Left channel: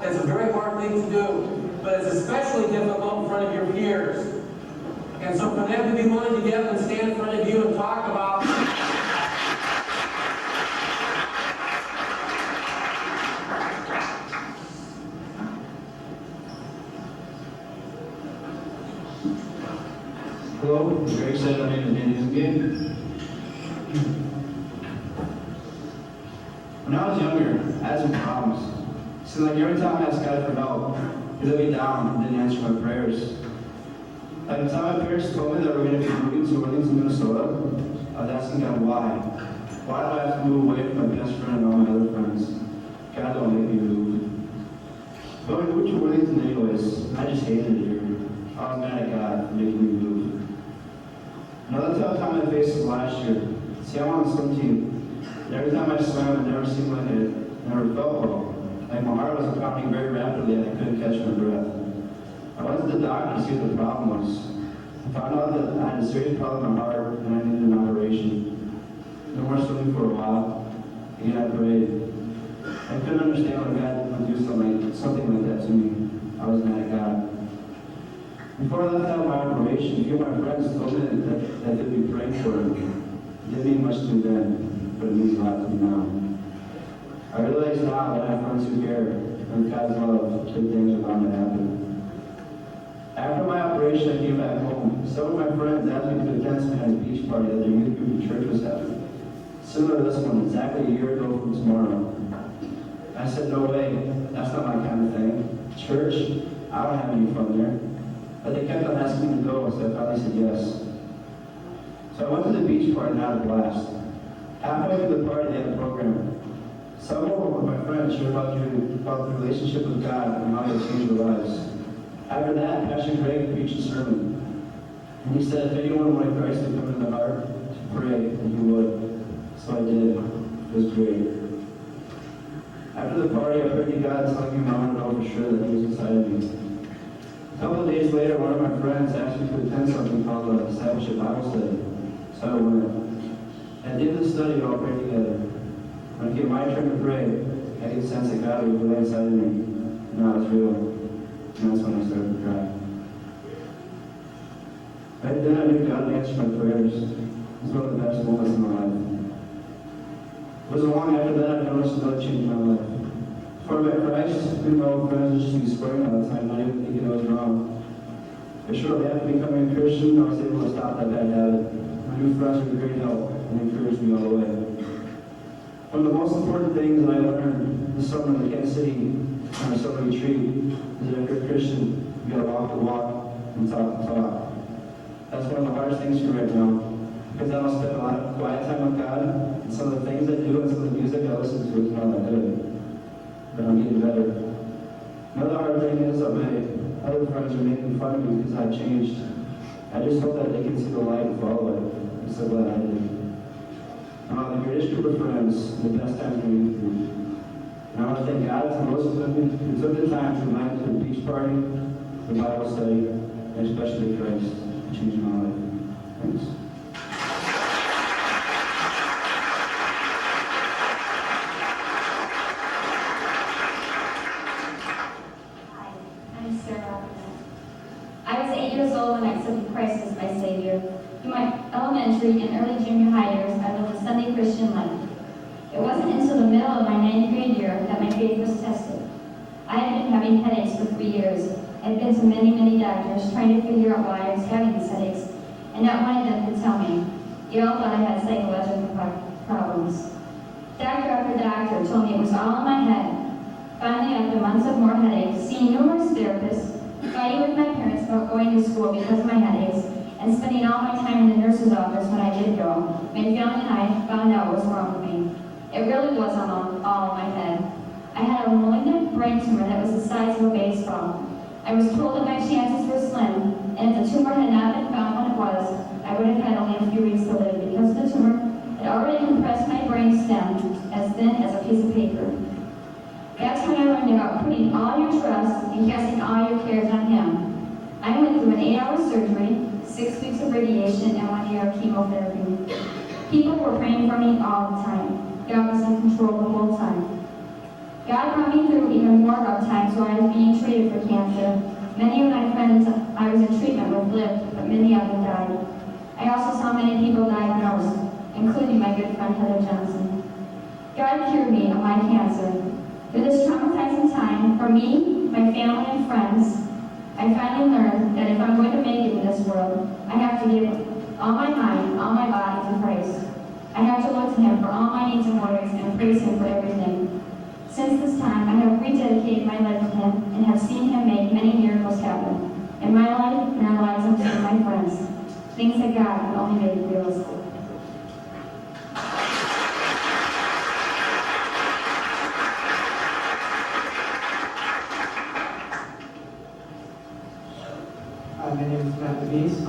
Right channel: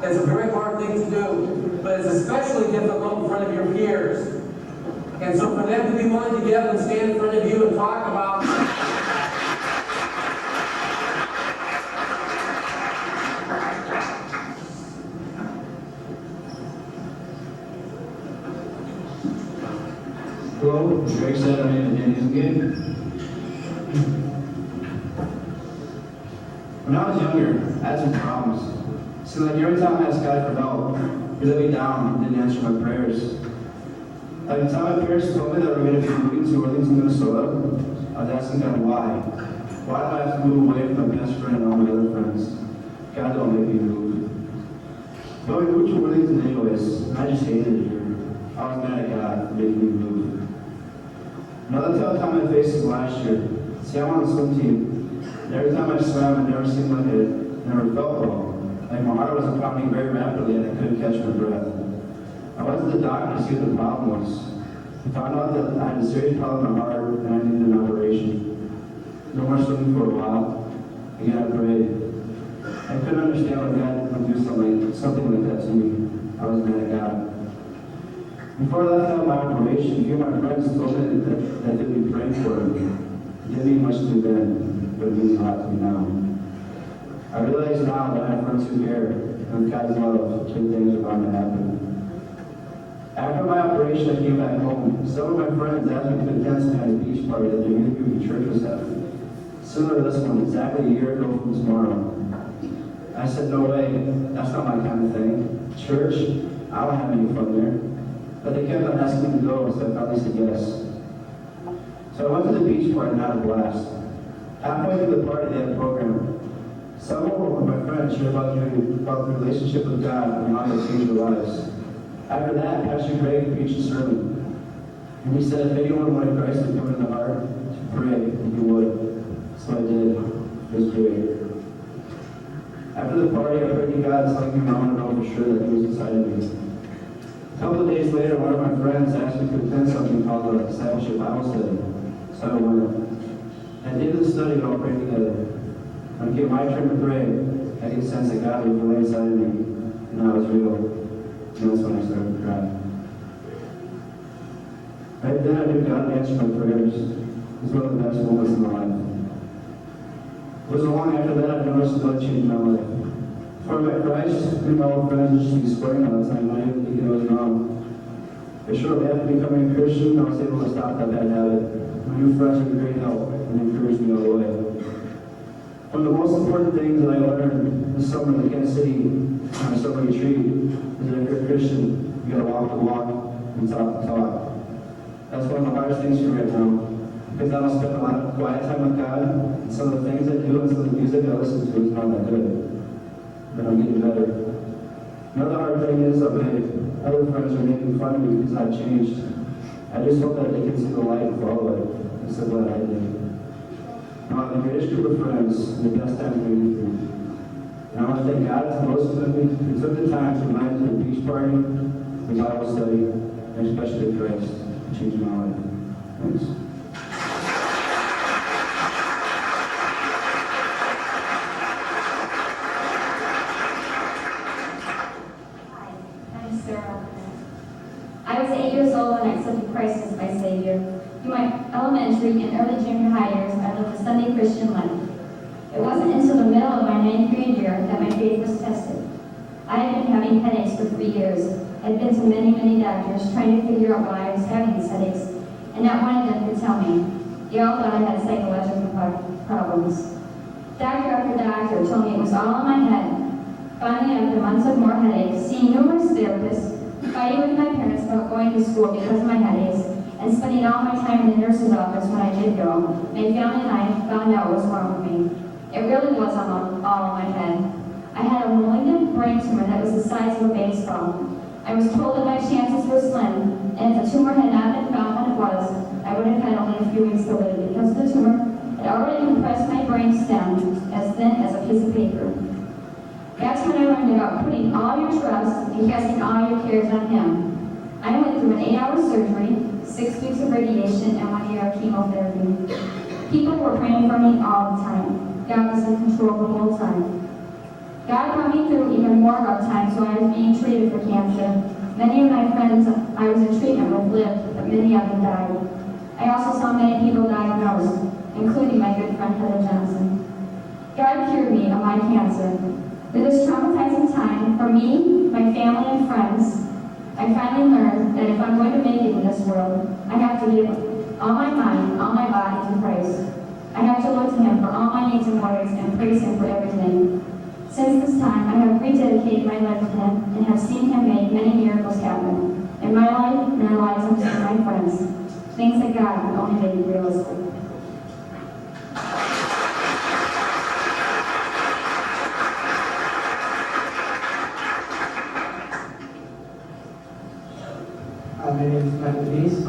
That's a very hard thing to do, but it's especially difficult in front of your peers. And so for them to be willing to get up and stand in front of you and talk about Hello, as Greg said, my name is Danny again. When I was younger, I had some problems. So like every time I asked God for help, He let me down and didn't answer my prayers. At the time my parents told me that we're going to be moving to Worthington, Minnesota, I was asking God why. Why do I have to move away from my best friend and all my other friends? God don't let me move. But when we moved to Worthington anyways, I just hated it here. I was mad at God for making me move. Another time I found my faces last year. See, I'm on a swim team. And every time I swam, it never seemed like it never felt well. Like my heart was pounding very rapidly and I couldn't catch my breath. I went to the doctor to see what the problem was. He found out that I had a serious problem with my heart and I needed an operation. No more swimming for a while. And God prayed. I couldn't understand why God would do something like that to me. I was mad at God. Before I left out my operation, a few of my friends told me that they'd be praying for me. It didn't mean much to them, but it means a lot to me now. I realize now that I have friends who care, and with God's love, good things are bound to happen. After my operation, I came back home. Some of my friends asked me to attend some kind of beach party that their new church was having. Similar to this one, exactly a year ago from tomorrow. I said, no way, that's not my kind of thing. Church? I don't have any fun there. But they kept on asking me to go, so I finally said yes. So I went to the beach party and had a blast. Halfway through the party, they had a program. Some of my friends shared about the relationship with God and how it changed their lives. After that, Pastor Greg preached a sermon. And he said, if anyone wanted Christ to come in the heart, to pray, that you would. So I did. It was great. After the party, I heard God telling me I want to know for sure that he was inside of me. A couple of days later, one of my friends asked me to attend something called the Discipleship Bible Study. So I went. At the end of the study, we all prayed together. When it came my turn to pray, I could sense that God was really inside of me, and I was real. And that's when I started to cry. Then I knew God answered my prayers. It was one of the best moments in my life. It wasn't long after that I noticed God changed my life. Before I met Christ, me and my old friends used to be swearing all the time, and I didn't think it was wrong. But shortly after becoming a Christian, I was able to stop that bad habit. My new friends were great help and encouraged me all the way. One of the most important things that I learned this summer in Kansas City on a summer retreat is that if you're a Christian, you gotta walk the walk and talk the talk. That's one of the hardest things for me right now. Because I don't spend a lot of quiet time with God, and some of the things I do and some of the music I listen to is not that good. But I'm getting better. Another hard thing is that my other friends are making fun of me because I've changed. I just hope that they can see the light and follow it instead of what I did. Now, I'm the greatest group of friends, and the best times we meet them. And I want to thank God for most of them who took the time to invite me to a beach party, the Bible study, and especially Christ, to change my life. Thanks. I was 8 years old when I accepted Christ as my Savior. In my elementary and early junior high years, I lived a Sunday Christian life. It wasn't until the middle of my 9th grade year that my faith was tested. I had been having headaches for 3 years. I had been to many doctors trying to figure out why I was having these headaches, and not one of them could tell me. They all thought I had psychological problems. Doctor after doctor told me it was all in my head. Finally, after months of more headaches, seeing numerous therapists, fighting with my parents about going to school because of my headaches, and spending all my time in the nurse's office when I did go, my family and I found out what was wrong with me. It really was all in my head. I had a malignant brain tumor that was the size of a baseball. I was told that my chances were slim, and if the tumor had not been found when it was, I would have had only a few weeks to live because the tumor had already compressed my brain stem as thin as a piece of paper. That's when I learned about putting all your trust and casting all your cares on Him. I went through an 8-hour surgery, 6 weeks of radiation, and 1 year of chemotherapy. People were praying for me all the time. God was in control the whole time. God brought me through even more rough times when I was being treated for cancer. Many of my friends I was in treatment with lived, but many of them died. I also saw many people diagnosed, including my good friend Heather Johnson. God cured me of my cancer. Through this traumatizing time, for me, my family, and friends, I finally learned that if I'm going to make it in this world, I have to give all my mind, all my body to Christ. I have to look to Him for all my needs and worries and praise Him for everything. Since this time, I have rededicated my life to Him and have seen Him make many miracles happen. In my life, in the lives of my friends, things that God can only make realistic. My name is Michael Denise.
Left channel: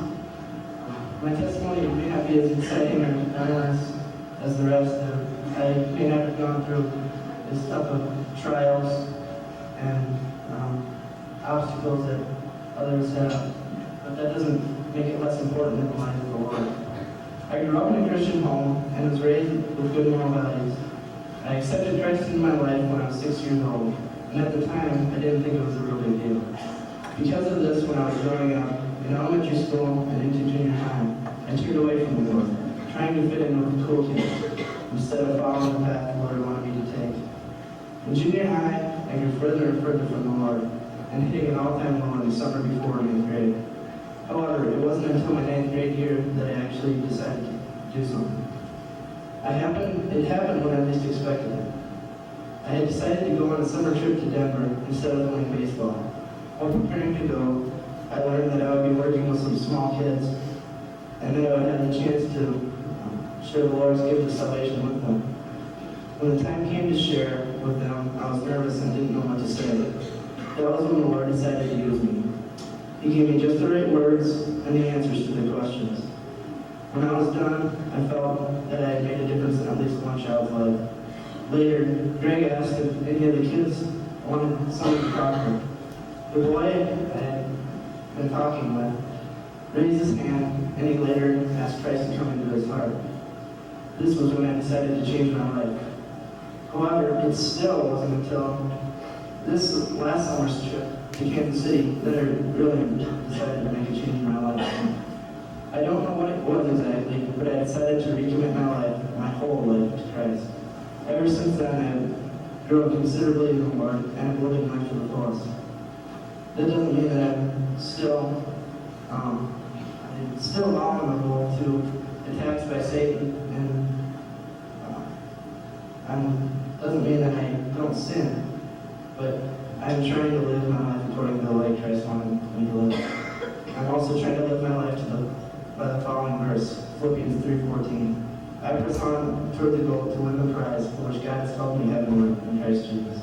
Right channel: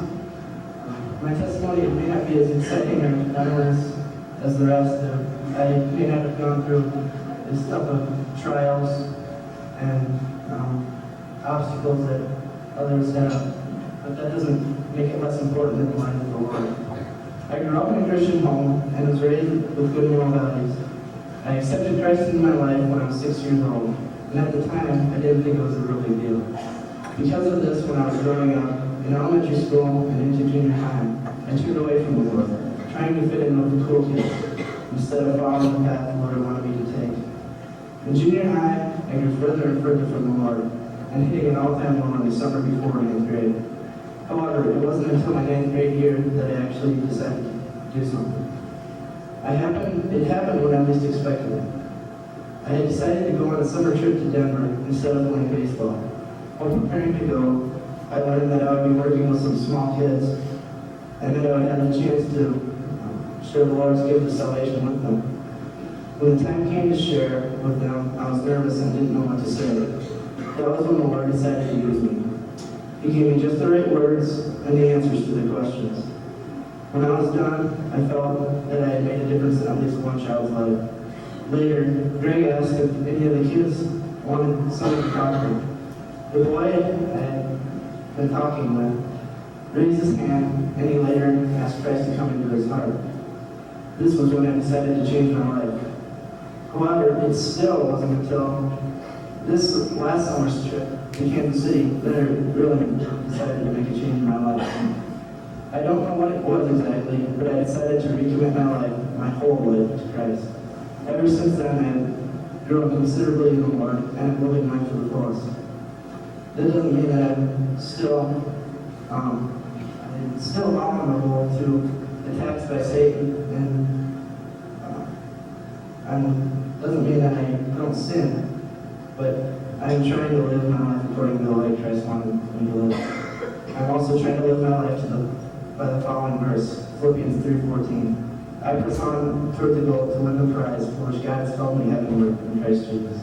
My testimony may not be as exciting or diverse as the rest do. I may not have gone through this stuff of trials and obstacles that others have, but that doesn't make it less important than mine for the Lord. I grew up in a Christian home and was raised with good moral values. I accepted Christ into my life when I was 6 years old, and at the time, I didn't think it was a real big deal. Because of this, when I was growing up in elementary school and into junior high, I turned away from the Lord, trying to fit in with the cool kids, instead of following the path the Lord wanted me to take. In junior high, I grew further and further from the Lord, and hitting an all-time low in the summer before 9th grade. However, it wasn't until my 9th grade year that I actually decided to do something. It happened when I least expected it. I had decided to go on a summer trip to Denver instead of playing baseball. While preparing to go, I learned that I would be working with some small kids, and then I would have the chance to share the Lord's gift of salvation with them. When the time came to share with them, I was nervous and didn't know what to say. That was when the Lord decided to use me. He gave me just the right words and the answers to the questions. When I was done, I felt that I had made a difference in at least one child's life. Later, Greg asked if any of the kids wanted someone to talk to. The boy I had been talking with raised his hand, and he later asked Christ to come into his heart. This was when I decided to change my life. However, it still wasn't until this last summer's trip to Kansas City that I really decided to make a change in my life. I don't know what it was exactly, but I decided to recommit my life, my whole life, to Christ. Ever since then, I have grown considerably in the Lord and I'm living life for the fullest. That doesn't mean that I'm still vulnerable to attacks by Satan, and doesn't mean that I don't sin, but I'm trying to live my life according to the way Christ wanted me to live. I'm also trying to live my life by the following verse, Philippians 3:14. I press on toward the goal to win the prize for which God has called me heavenward in Christ Jesus.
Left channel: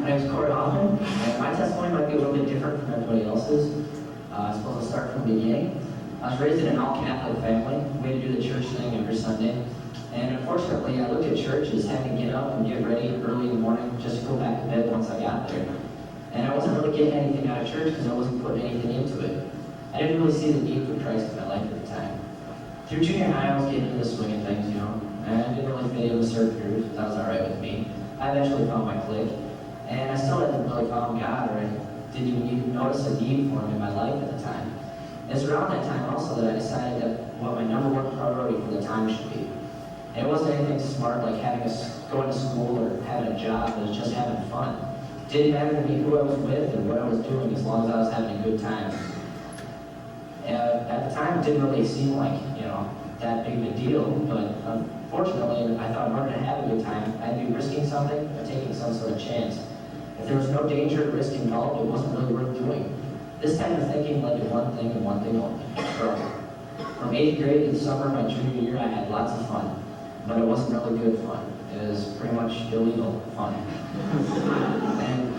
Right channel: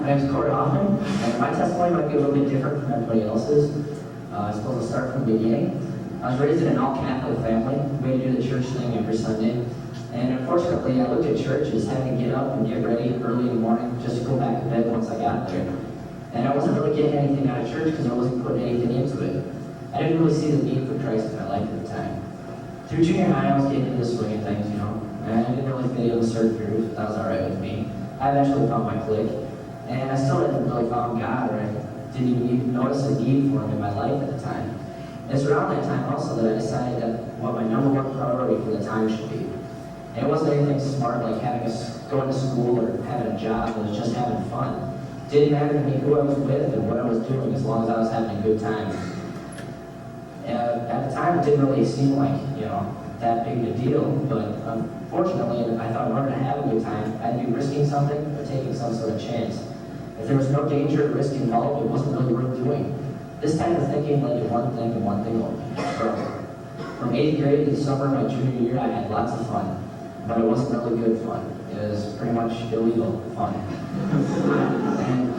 My name's Corey Hoffman, and my testimony might be a little bit different from everybody else's. I suppose I'll start from the beginning. I was raised in an all-Catholic family. We had to do the church thing every Sunday. And unfortunately, I looked at church as having to get up and get ready early in the morning just to go back to bed once I got there. And I wasn't really getting anything out of church because I wasn't putting anything into it. I didn't really see the need for Christ in my life at the time. Through junior high, I was getting into the swing of things, and I didn't really fit in with certain groups. That was all right with me. I eventually found my clique. And I still hadn't really found God, or I didn't even notice the need for him in my life at the time. It's around that time also that I decided that what my number one priority for the time should be. And it wasn't anything smart like going to school or having a job, it was just having fun. Didn't matter to me who I was with and what I was doing as long as I was having a good time. And at the time it didn't really seem like, that big of a deal, but unfortunately I thought in order to have a good time, I'd be risking something or taking some sort of chance. If there was no danger or risk involved, it wasn't really worth doing. This type of thinking led to one thing and one thing only: trouble. From 8th grade to the summer of my junior year, I had lots of fun. But it wasn't really good fun. It was pretty much illegal fun. And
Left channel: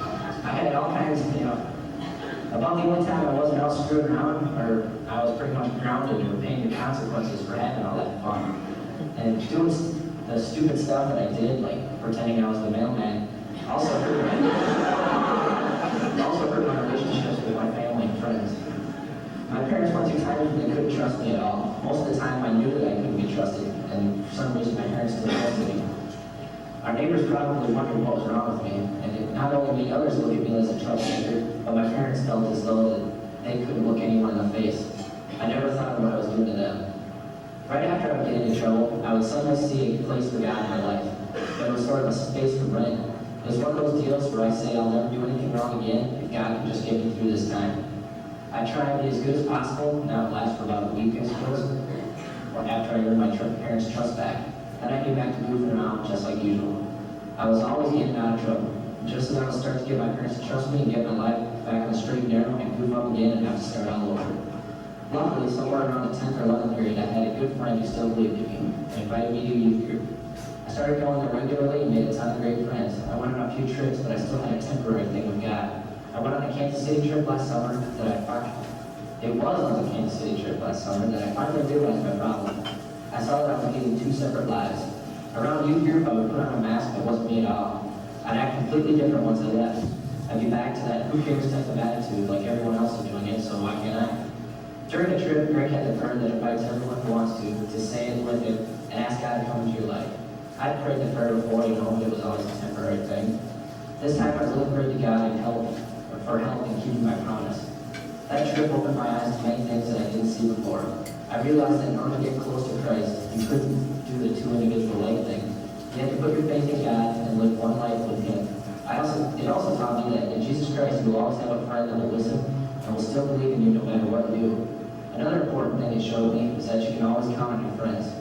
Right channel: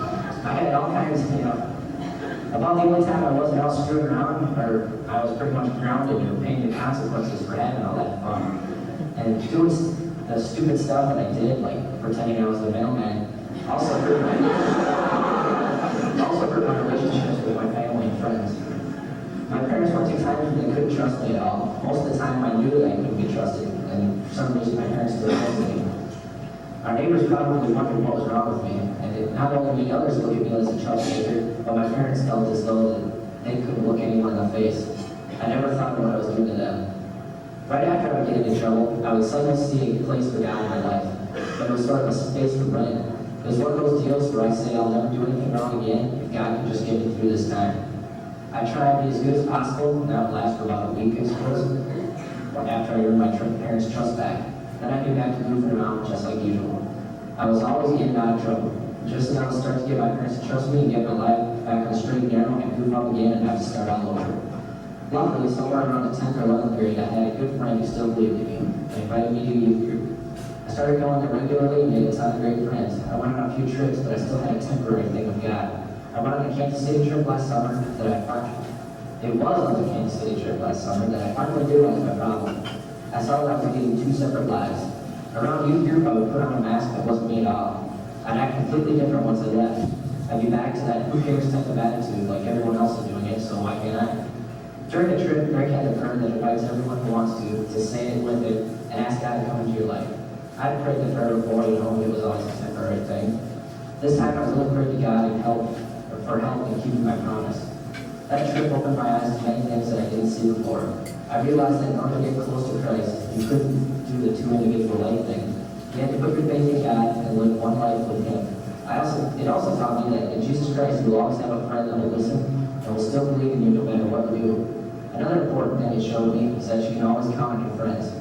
I had all kinds of, about the only time I wasn't out screwing around, or I was pretty much grounded or paying the consequences for having all that fun. And doing the stupid stuff that I did, like pretending I was the mailman, also hurt my relationships with my family and friends. My parents were too tired and they couldn't trust me at all. Most of the time I knew that I couldn't be trusted, and for some reason my parents still trusted me. Our neighbors probably wondered what was wrong with me, and it not only made others look at me as a troublemaker, but my parents felt as though that they couldn't look anyone in the face. I never thought of what I was doing to them. Right after I would get into trouble, I would suddenly see a place for God in my life, but it was sort of a space for Brandon. It was one of those deals where I say I'll never do anything wrong again if God can just get me through this time. I tried to be as good as possible, and that would last for about a week, I suppose. After I earned my parents' trust back, then I came back to goofing around just like usual. I was always getting out of trouble. Just as I was starting to get my parents to trust me and get my life back on the straight and narrow, I'd goof up again and have to start all over. Luckily, somewhere around the 10th or 11th grade, I had a good friend who still believed in me and invited me to a youth group. I started going there regularly and made a ton of great friends. I went on a few trips, but I still had a temporary thing with God. I went on a Kansas City trip last summer that it was on the Kansas City trip last summer that I finally realized I found. I saw that I was leading two separate lives. Around youth group, I would put on a mask that wasn't me at all. I'd act completely different once I left. I'd be back to that who cares type of attitude, like everyone else is doing it, so why can't I? During the trip, Greg had a friend that invites everyone who wants to say it with it and ask God to come into your life. I had prayed the third or fourth, it was always a temporary thing. This time I was looking for God and for help in keeping my promise. That trip opened my eyes to many things that I didn't see before. I realized that in order to get close to Christ, you couldn't do the two individual anything. You had to put your faith in God and live one life with Him. It also taught me that in Jesus Christ you will always have a friend that will listen and will still believe in you no matter what you do. Another important thing it showed me is that you can always count on your friends.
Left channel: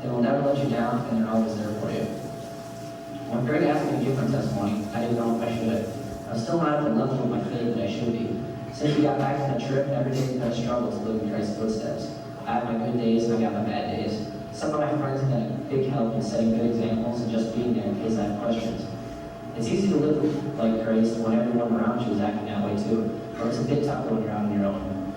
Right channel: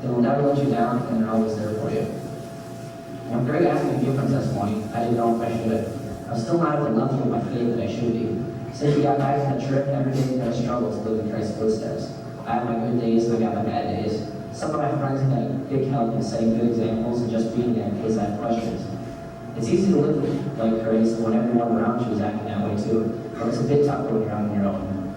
They will never let you down and are always there for you. When Greg asked me to give my testimony, I didn't know if I should. I was still not at the level of my faith that I should be. Since we got back from the trip, every day I've struggled to live in Christ's footsteps. I have my good days and I have my bad days. Some of my friends have had a big help in setting good examples and just being there in case I have questions. It's easy to live like Grace when everyone around you is acting that way too, but it's a bit tough when you're on your own.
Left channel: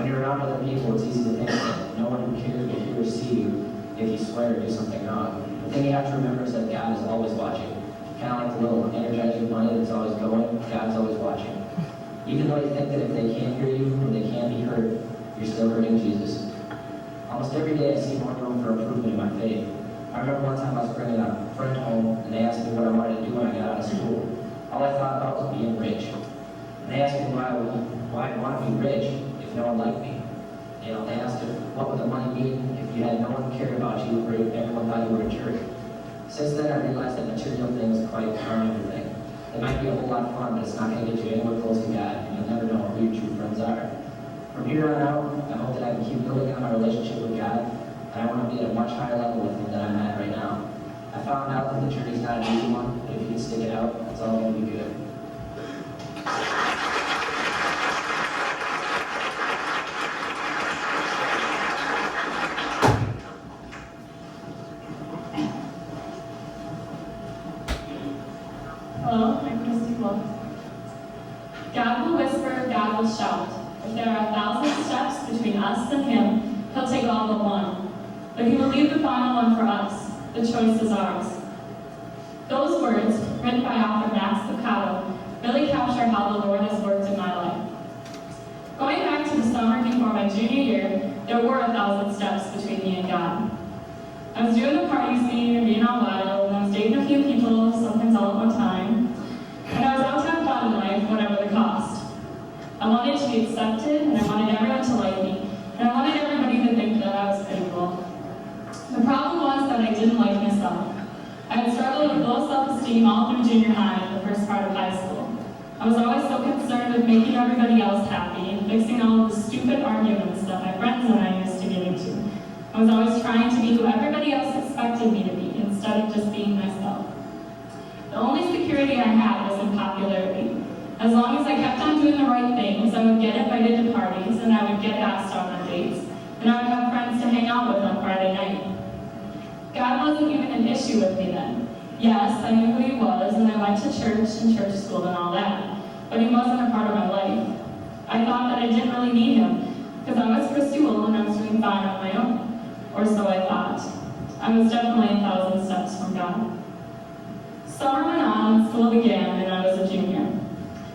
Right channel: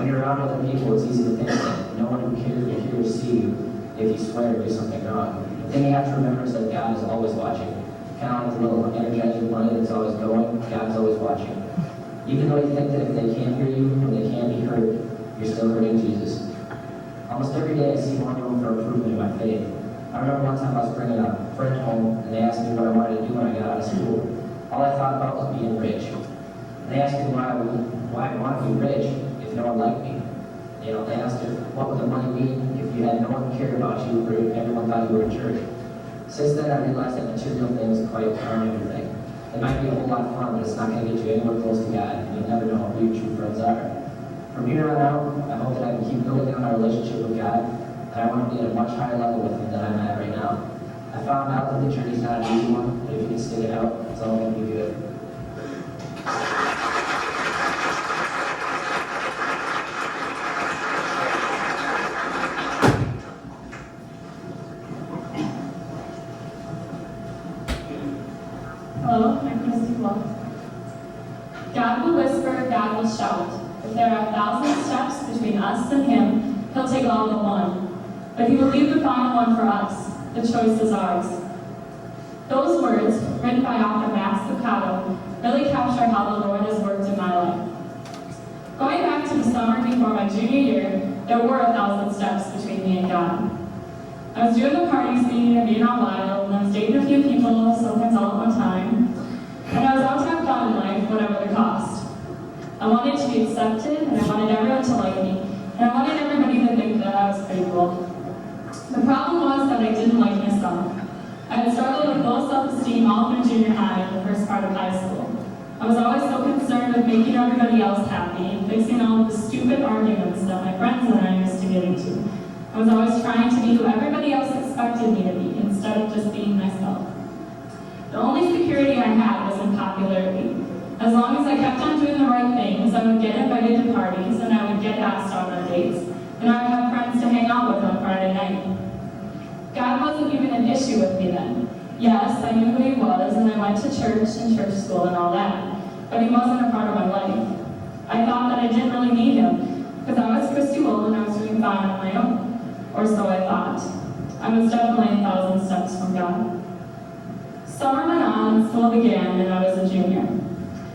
When you're around other people, it's easy to think that no one cares if you receive, if you swear or do something wrong. The thing you have to remember is that God is always watching. Kind of like the little energizing bunny that's always going, God's always watching. Even though you think that if they can't hear you or they can't be heard, you're still hurting Jesus. Almost every day I see one room for improvement in my faith. I remember one time I was bringing a friend home and they asked me what I wanted to do when I got out of school. All I thought about was being rich. And they asked me why I want to be rich if no one liked me. They asked if what would the money mean if you had no one who cared about you or if everyone thought you were in church. Since then I realized that material things quite aren't everything. It might be a whole lot of fun, but it's not going to get you anywhere close to God. You'll never know who your true friends are. From here on out, I hope that I can keep building on our relationship with God. I want to be at a much higher level with Him than I'm at right now. I found out that the journey's not an easy one, but if you can stick it out, it's all going to be good. Hello, I'm Christy Close. God will whisper, God will shout. If there are 1,000 steps between us and Him, He'll take all but one. But He will leave the final one for us. The choice is ours. Those words, written by author Max Lucado, really capture how the Lord has worked in my life. Going back to the summer before my junior year, there were 1,000 steps between me and God. I was doing the party scene and being out wild, and I was dating a few people, sometimes all at one time. And I was out to have fun in life, whatever the cost. I wanted to be accepted, and I wanted everyone to like me, and I wanted everybody to think that I was pretty cool. The problem was that I didn't like myself. I had struggled with low self-esteem all through junior high and the first part of high school. I was always so concerned with making everybody else happy and fixing all of the stupid arguments that my friends and I used to get into. I was always trying to be who everybody else expected me to be, instead of just being myself. The only security I had was in popularity. As long as I kept on doing the right things, I would get invited to parties, and I would get asked on our dates, and I would have friends to hang out with on Friday night. God wasn't even an issue with me then. Yes, I knew who He was, and I went to church and church school and all that, but He wasn't a part of my life. I thought that I didn't really need Him, because I was Christy Wool and I was doing fine on my own. Or so I thought. I was definitely 1,000 steps from God. Summer went on and school began, and I was a junior.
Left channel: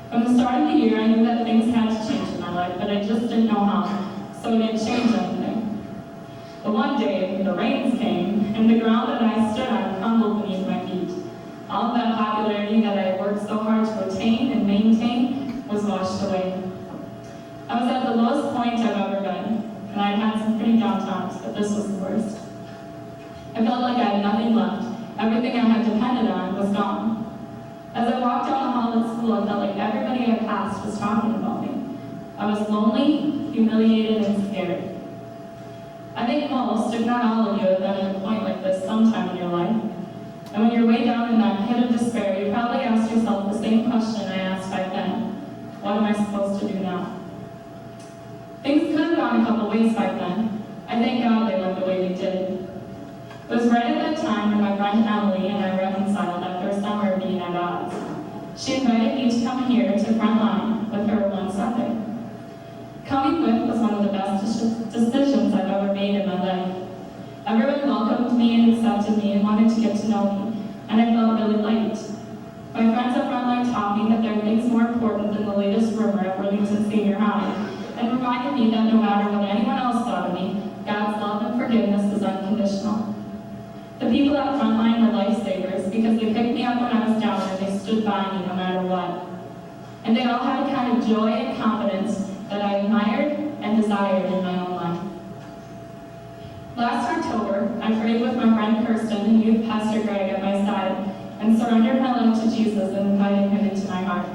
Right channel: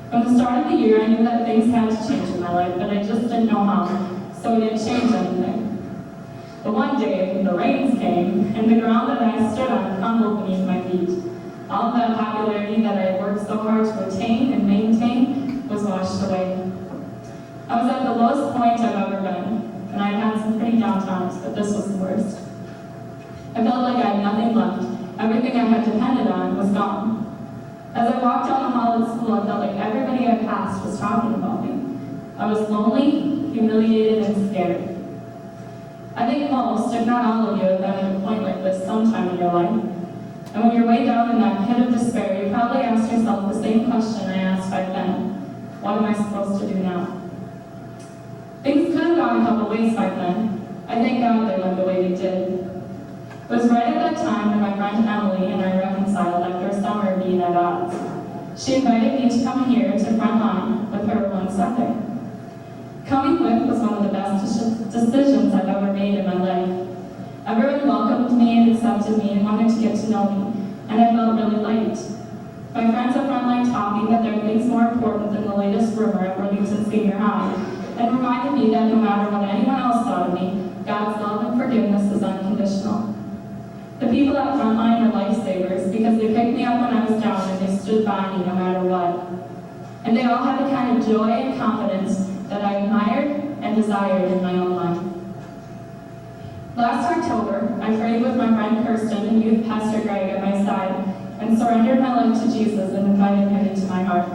From the start of the year, I knew that things had to change in my life, but I just didn't know how, so I didn't change anything. But one day, the rains came, and the ground that I stood on crumbled beneath my feet. All of that popularity that I had worked so hard to attain and maintain was washed away. I was at the lowest point I've ever been. And I had some pretty down times, but this was the worst. I felt like I had nothing left. Everything I had depended on was gone. As I walked down the hall at school, I felt like everybody I passed was talking about me. I was lonely, humiliated, and scared. I think most, if not all of you, have been at a point like this sometime in your life. And when you're way down in that pit of despair, you probably ask yourself the same question I asked back then. What am I supposed to do now? Things could have gone a couple ways back then. I thank God they went the way they did. It was right at that time when my friend Emily and I reconciled after a summer of being at odds. She invited me to come here to FRONTLINE with her one Sunday. Coming with was one of the best decisions I've ever made in my life. Everyone welcomed me and accepted me and wanted to get to know me, and I felt really liked. My friends at FRONTLINE taught me that there are things more important than the latest rumor at Worthington Senior High, and reminded me that no matter what anyone else thought of me, God's love and forgiveness is unconditional. The people at FRONTLINE were lifesavers because they picked me up when I was down and they stood by me no matter what. And they all had a kind of joy and confidence that I admired and desired in my own life. Last October, I prayed with my friend Kirsten and youth pastor Greg at my side and surrendered my life to Jesus and invited him into my heart.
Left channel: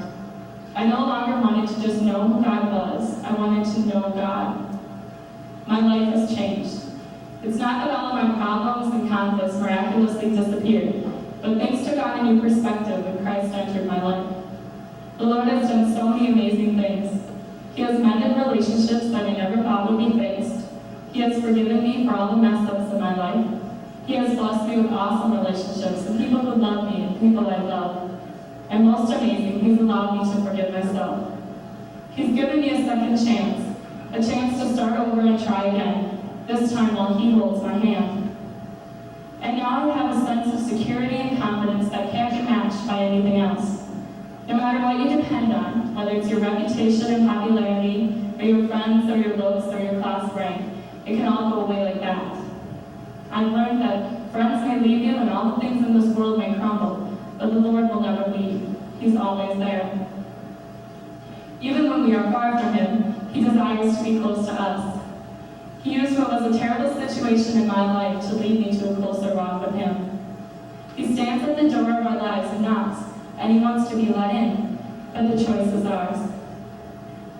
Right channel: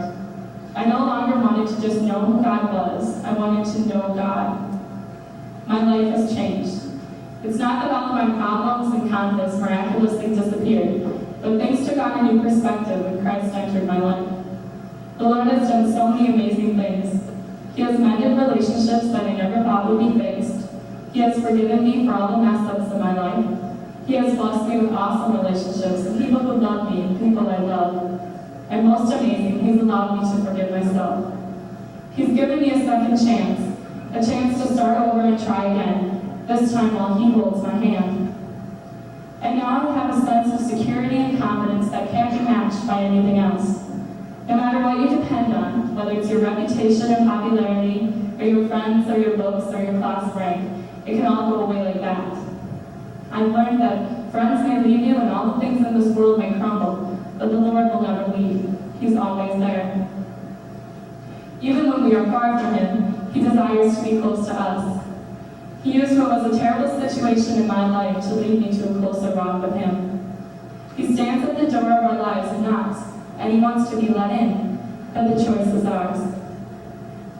I no longer wanted to just know who God was. I wanted to know God. My life has changed. It's not that all of my problems and conflicts miraculously disappeared, but things took on a new perspective when Christ entered my life. The Lord has done so many amazing things. He has mended relationships that I never thought would be fixed. He has forgiven me for all the mess-ups in my life. He has blessed me with awesome relationships, people who love me and people I love. And most amazing, He's allowed me to forgive myself. He's given me a second chance, a chance to start over and try again, this time while He holds my hand. And now I have a sense of security and confidence that can't be matched by anything else. No matter what you depend on, whether it's your reputation and popularity, or your friends, or your looks, or your class rank, it can all go away like that. I've learned that friends may leave you and all the things in this world may crumble, but the Lord will never leave. He's always there. Even when we are far from Him, He desires to be close to us. He used what was a terrible situation in my life to lead me to a closer walk with Him. He stands at the door of our lives and knocks, and He wants to be let in, but the choice is ours.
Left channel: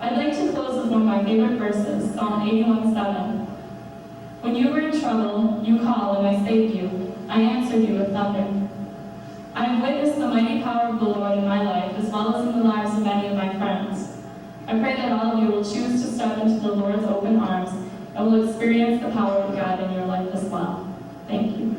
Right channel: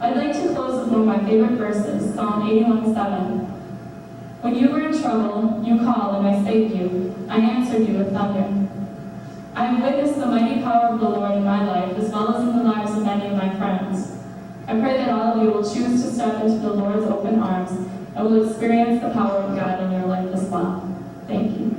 I'd like to close with one of my favorite verses, Psalm 81:7. When you were in trouble, you called and I saved you. I answered you with thunder. I have witnessed the mighty power of the Lord in my life, as well as in the lives of many of my friends. I pray that all of you will choose to step into the Lord's open arms and will experience the power of God in your life as well. Thank you.